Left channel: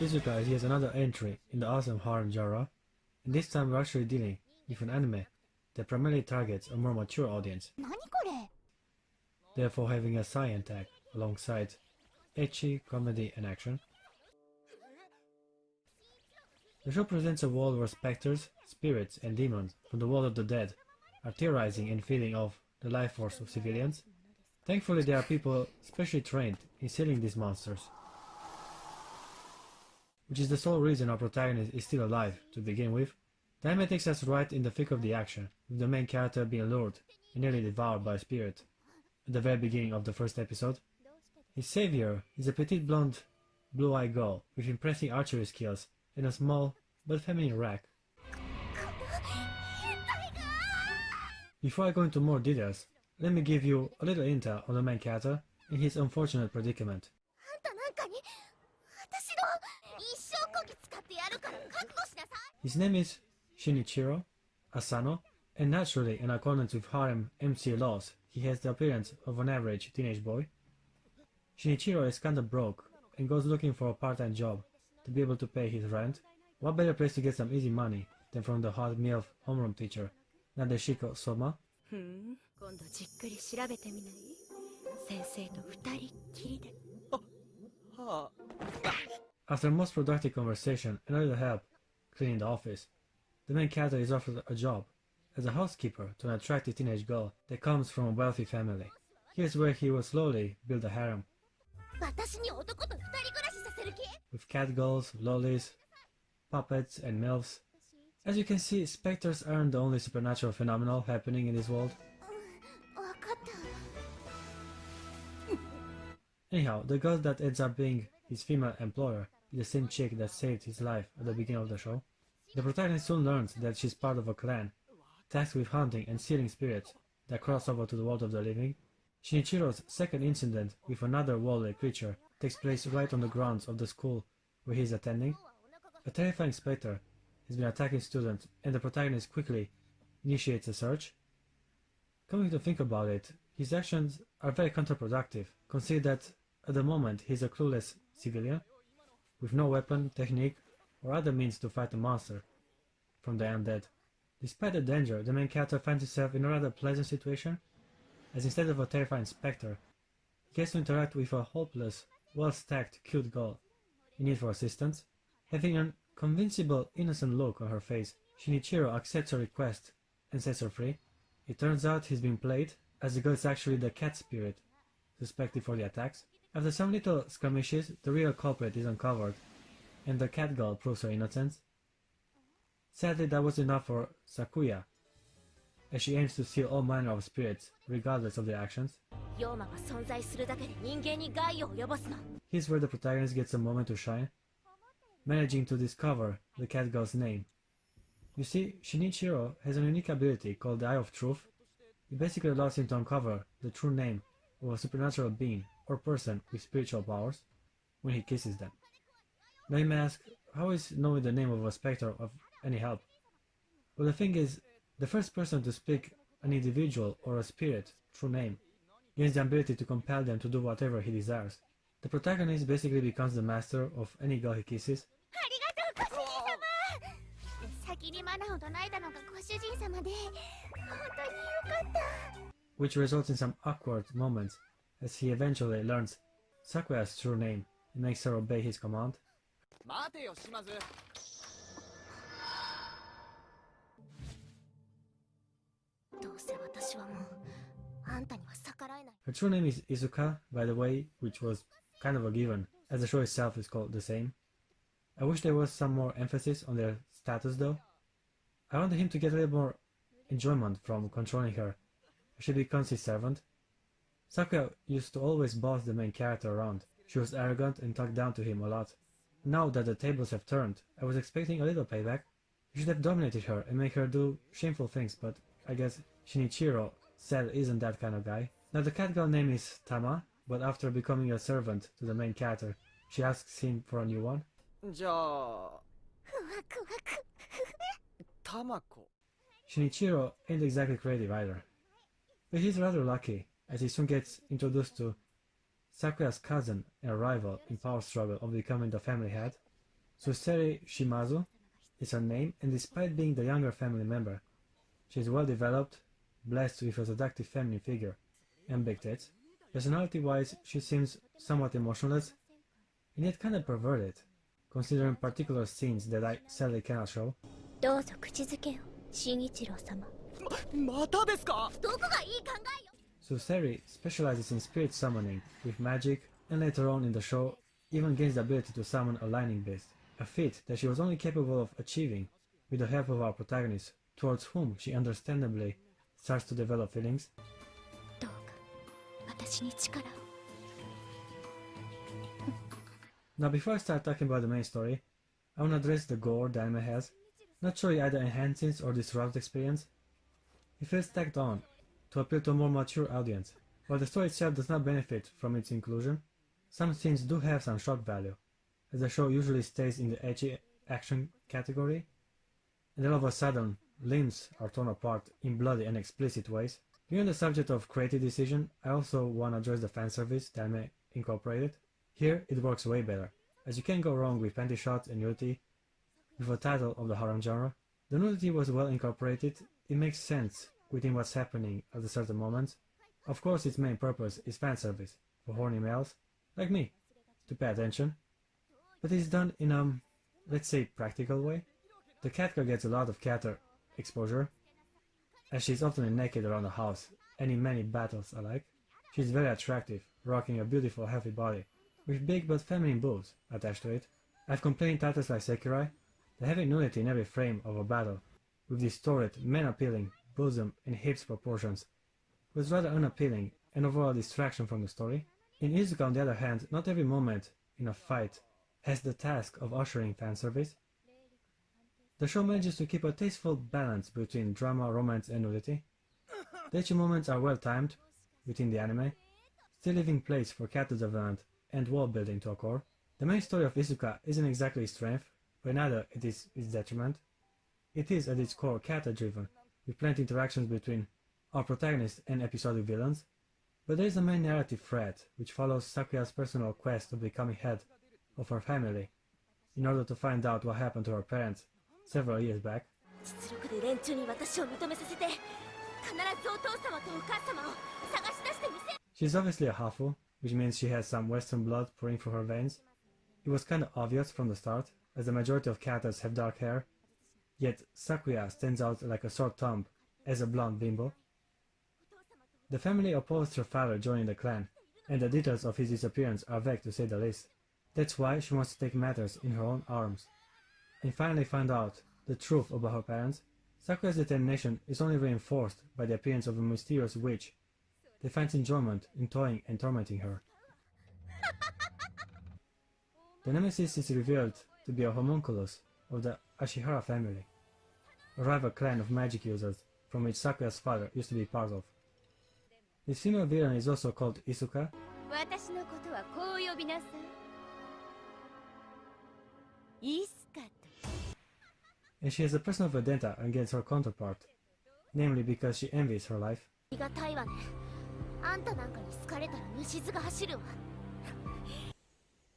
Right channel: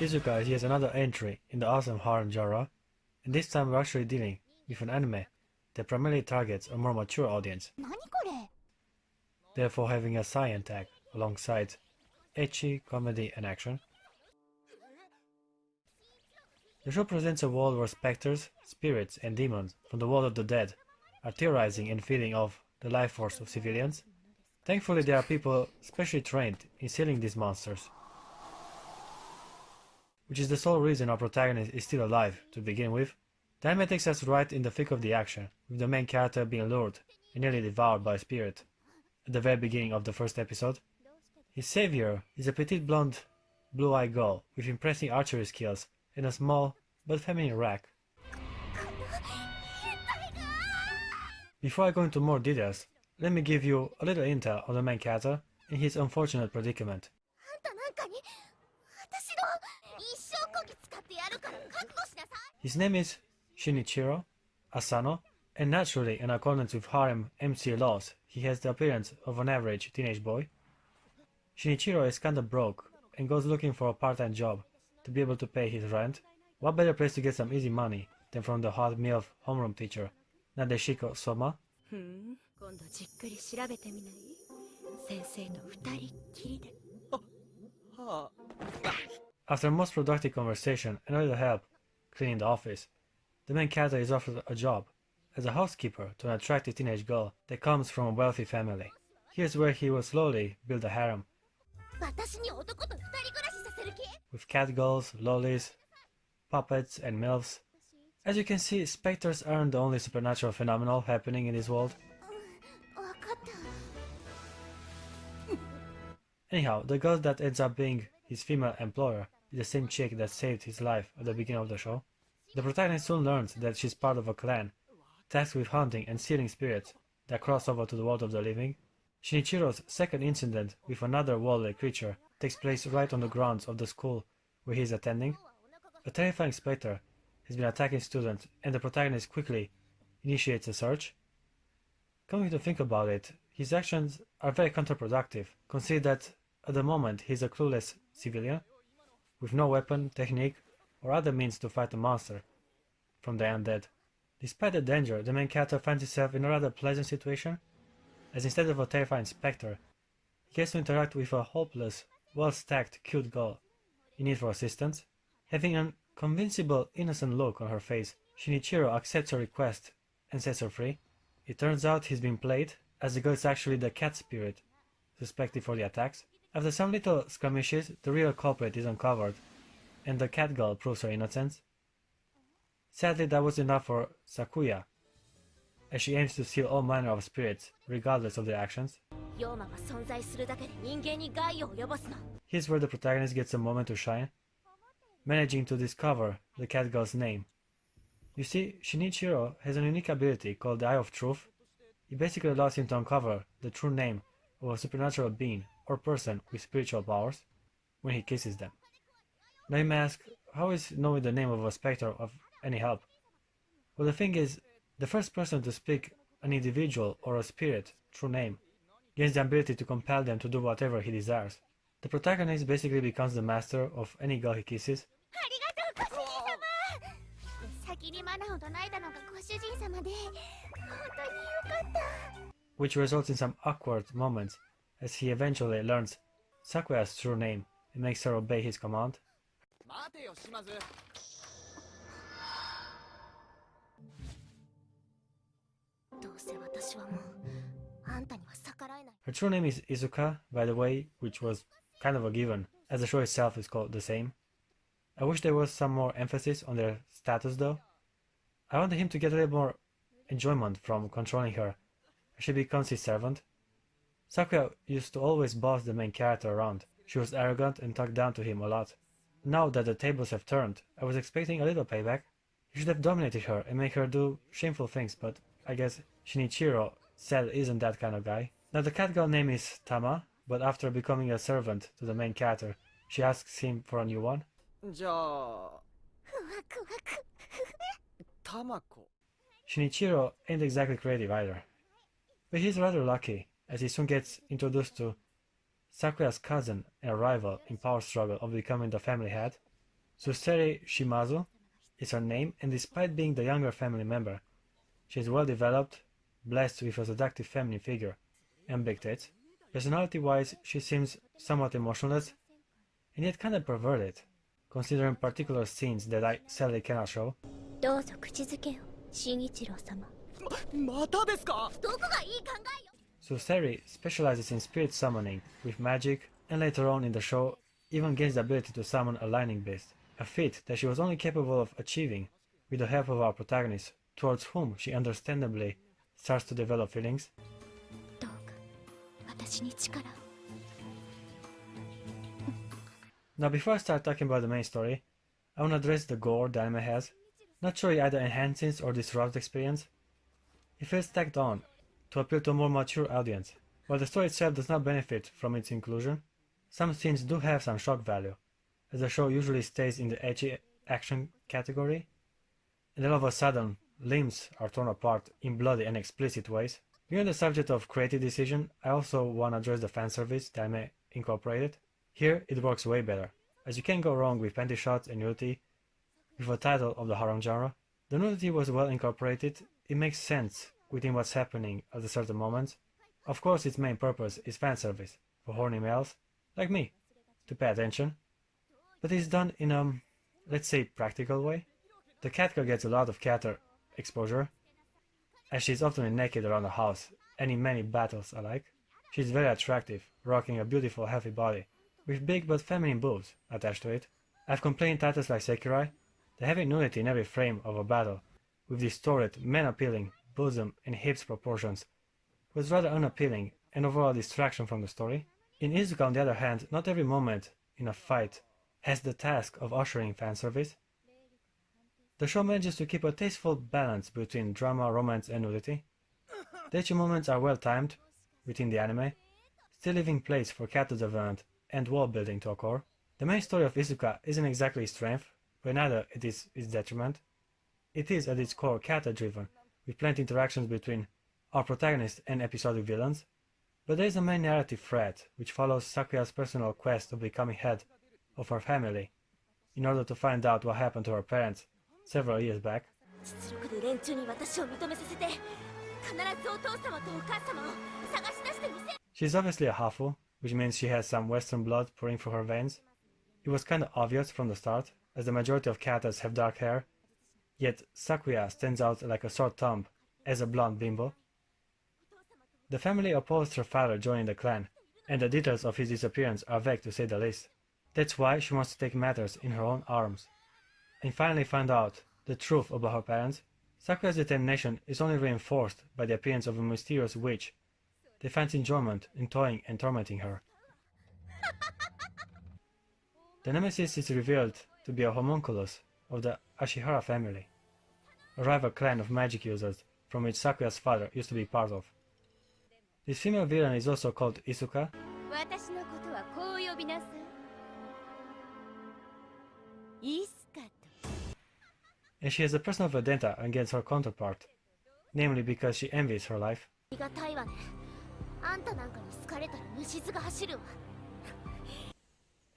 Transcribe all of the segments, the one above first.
Isuca is yet another entry in the awesome harem genre, and this time we're actually dealing with an anime that primarily targets a more mature audience, therefore having a science tag alongside ecchi, comedy and action. The show presents a world where specters, spirits and demons from the world of the dead are terrorizing and feeding off the life force of civilians. Thankfully there are people specially trained in killing these monsters, which is the sole reason our protagonist is still alive to begin with. The anime takes us right in the thick of the action, with the main character being lured and nearly devoured by a spirit at the very beginning of the first episode. His savior is a petite blonde, blue-eyed girl with impressive archery skills and a small but feminine rack. Before I go into more details, let me give you a little intel on the main character and his unfortunate predicament. His name is Shinichiro, Asano, and naturally, in accordance with harem MC laws, he has the appearance of an average teenage boy. Shinichiro is kinda broke and goes looking for a part-time job to be able to pay his rent. What better place to get some easy money than from the hot MILF homeroom teacher, Nadeshiko Soma? After a most productive conversation and a little help cleaning the office, the main character is offered a job as a housekeeper to an attractive teenage girl that comes from a wealthy family. Here's where he will slowly build a harem, with catgirls, lollies, puppets and MILFs. As you can see, specters aren't the only supernatural phenomenon happening in this world. Anyhow, the girl that ends up being his female employer is the same chick that saved his life at the beginning of the show. The protagonist soon learns that she's part of a clan tasked with hunting and sealing spirits that cross over to the world of the living. Shinichiro's second incident with another worldly creature takes place right on the grounds of the school where he is attending. A terrifying specter has been attacking students and the protagonist quickly initiates a search. Coming to think about it, his actions are very counterproductive, consider that at the moment he is a clueless civilian with no weapon, technique or other means to fight a monster from the undead. Despite the danger, the main character finds himself in a rather pleasant situation, as instead of a terrifying specter, he gets to interact with a hopeless, well-stacked, cute girl in need for assistance. Having an convincible, innocent look on her face, Shinichiro accepts her request and sets her free. It turns out he's been played, as the girl is actually the cat spirit suspected for the attacks. After some little skirmishes, the real culprit is uncovered, and the cat girl proves her innocence. Sadly, that was enough for Sakuya, as she aims to seal all manner of spirits, regardless of their actions. Here's where the protagonist gets a moment to shine, managing to discover the cat girl's name. You see, Shinichiro has a unique ability called the Eye of Truth. It basically allows him to uncover the true name of a supernatural being or person with spiritual powers when he kisses them. Now you may ask, how is knowing the name of a specter of any help? Well, the thing is, the first person to speak an individual or a spirit true name gains the ability to compel them to do whatever he desires. The protagonist basically becomes the master of any girl he kisses, which results in some awkward moments as he eventually learns Sakuya's true name and makes her obey his command. Her true name is Isuca, by the way, which was kind of a given, as the show itself is called the same. I wish there was some more emphasis on their status though. I wanted him to get a little more enjoyment from controlling her, as she becomes his servant. Sakuya used to always boss the main character around. She was arrogant and talked down to him a lot. Now that the tables have turned, I was expecting a little payback. He should have dominated her and make her do shameful things, but I guess Shinichiro said isn't that kind of guy. Now the cat girl name is Tama, but after becoming a servant to the main character, she asks him for a new one. Shinichiro ain't exactly creative either, but he's rather lucky, as he soon gets introduced to Sakuya's cousin and a rival in power struggle of becoming the family head. Suseri Shimazu is her name, and despite being the younger family member, she is well developed, blessed with a seductive feminine figure and big tits. Personality-wise, she seems somewhat emotionless, and yet kinda perverted, considering particular scenes that I sadly cannot show. どうぞ口づけを、新一郎様。またですか？どこがいい考えよ。 Suseri specializes in spirit summoning with magic, and later on in the show even gains the ability to summon a lightning beast, a feat that she was only capable of achieving with the help of our protagonist, towards whom she understandably starts to develop feelings. どうか私に力を。 Now before I start talking about the main story, I want to address the gore the anime has. Not sure it either enhances or disrupts the experience. It feels tacked on to appeal to a more mature audience. While the story itself does not benefit from its inclusion, some scenes do have some shock value, as the show usually stays in the edgy action category, and all of a sudden, limbs are torn apart in bloody and explicit ways. Beyond the subject of creative decision, I also want to address the fanservice the anime incorporated. Here, it works way better, as you can't go wrong with panty shots and nudity. With a title of the harem genre, the nudity was well incorporated. It makes sense within what's happening at a certain moments. Of course, its main purpose is fan service for horny males like me to pay attention, but it's done in a, let's say, practical way. The cat girl gets a lot of catter exposure, as she's often naked around the house and in many battles alike. She's very attractive, rocking a beautiful healthy body with big but feminine boobs attached to it. I've complained titles like Sekirai, the having nudity in every frame of a battle, with distorted, man-appealing bosom and hips proportions, was rather unappealing and overall distraction from the story. In Isuca, on the other hand, not every moment in a fight has the task of ushering fanservice. The show manages to keep a tasteful balance between drama, romance, and nudity. The action moments are well timed within the anime, still leaving place for character development and world building to occur. The main story of Isuca isn't exactly its strength, but neither it is its detriment. It is at its core character-driven, with plenty interactions between our protagonist and episodic villains, but there is a main narrative thread which follows Sakuya's personal quest of becoming head of her family, in order to find out what happened to her parents several years back. 実力で連中に私を認めさせて、必ずお父様とお母様を探し出してみせ。 She's obviously a hafu, which means she has some Western blood pouring through her veins. It was kinda obvious from the start, as the majority of characters have dark hair, yet Sakuya stands out like a sore thumb as a blonde bimbo. The family opposed her father joining the clan, and the details of his disappearance are vague to say the least. That's why she wants to take matters in her own arms, and finally find out the truth about her parents. Sakuya's determination is only reinforced by the appearance of a mysterious witch that finds enjoyment in toying and tormenting her. The nemesis is revealed to be a homunculus of the Ashihara family, a rival clan of magic users from which Sakuya's father used to be part of. This female villain is also called Isuca. 私のことはこう呼びなさい。イスカと。 And she has a personal vendetta against her counterpart, namely because she envies her life. ありがたいわね。あんたなんかに好かれたら虫唾が走るわ。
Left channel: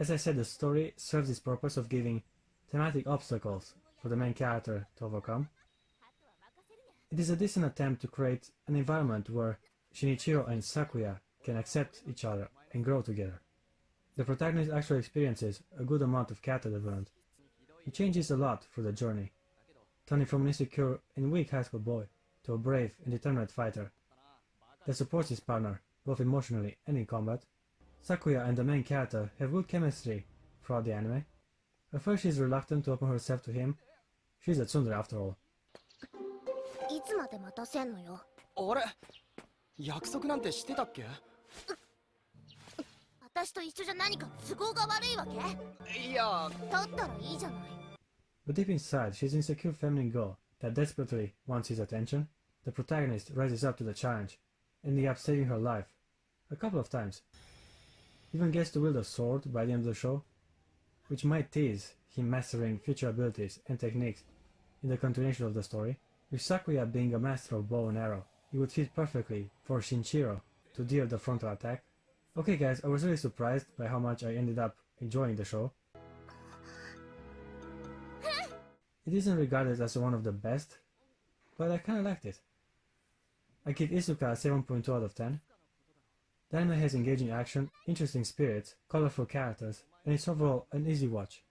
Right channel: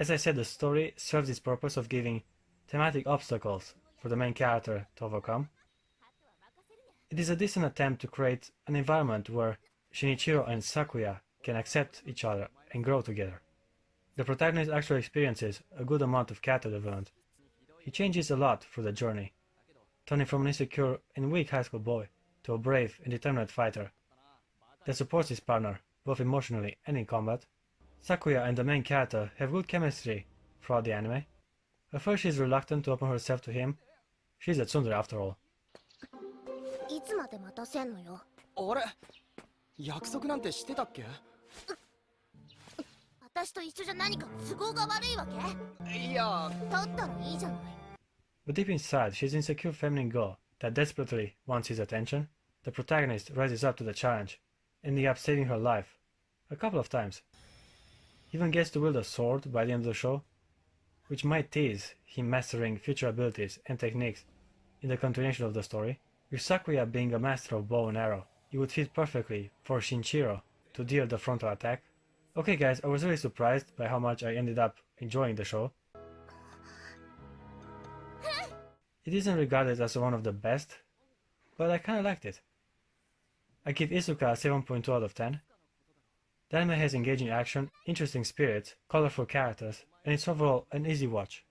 As I said, the story serves its purpose of giving thematic obstacles for the main character to overcome. It is a decent attempt to create an environment where Shinichiro and Sakuya can accept each other and grow together. The protagonist actually experiences a good amount of character development. He changes a lot through the journey, turning from an insecure and weak high school boy to a brave and determined fighter that supports his partner both emotionally and in combat. Sakuya and the main character have good chemistry throughout the anime. At first she's reluctant to open herself to him. She's a tsundere after all. いつまで待たせんのよ。あれ？約束なんてしてたっけ？私と一緒じゃ何か都合が悪いわけ？いや、だったらいいじゃない。 But deep inside, she's an insecure feminine girl that desperately wants his attention. The protagonist rises up to the challenge, ending up saving her life a couple of times. He even gets to wield a sword by the end of the show, which might tease him mastering future abilities and techniques in the continuation of the story. With Sakuya being a master of bow and arrow, it would fit perfectly for Shinichiro to deal the frontal attack. Okay guys, I was really surprised by how much I ended up enjoying the show. It isn't regarded as one of the best, but I kinda liked it. I give Isuca a 7.2 out of 10. The anime has engaging action, interesting spirits, colorful characters, and it's overall an easy watch.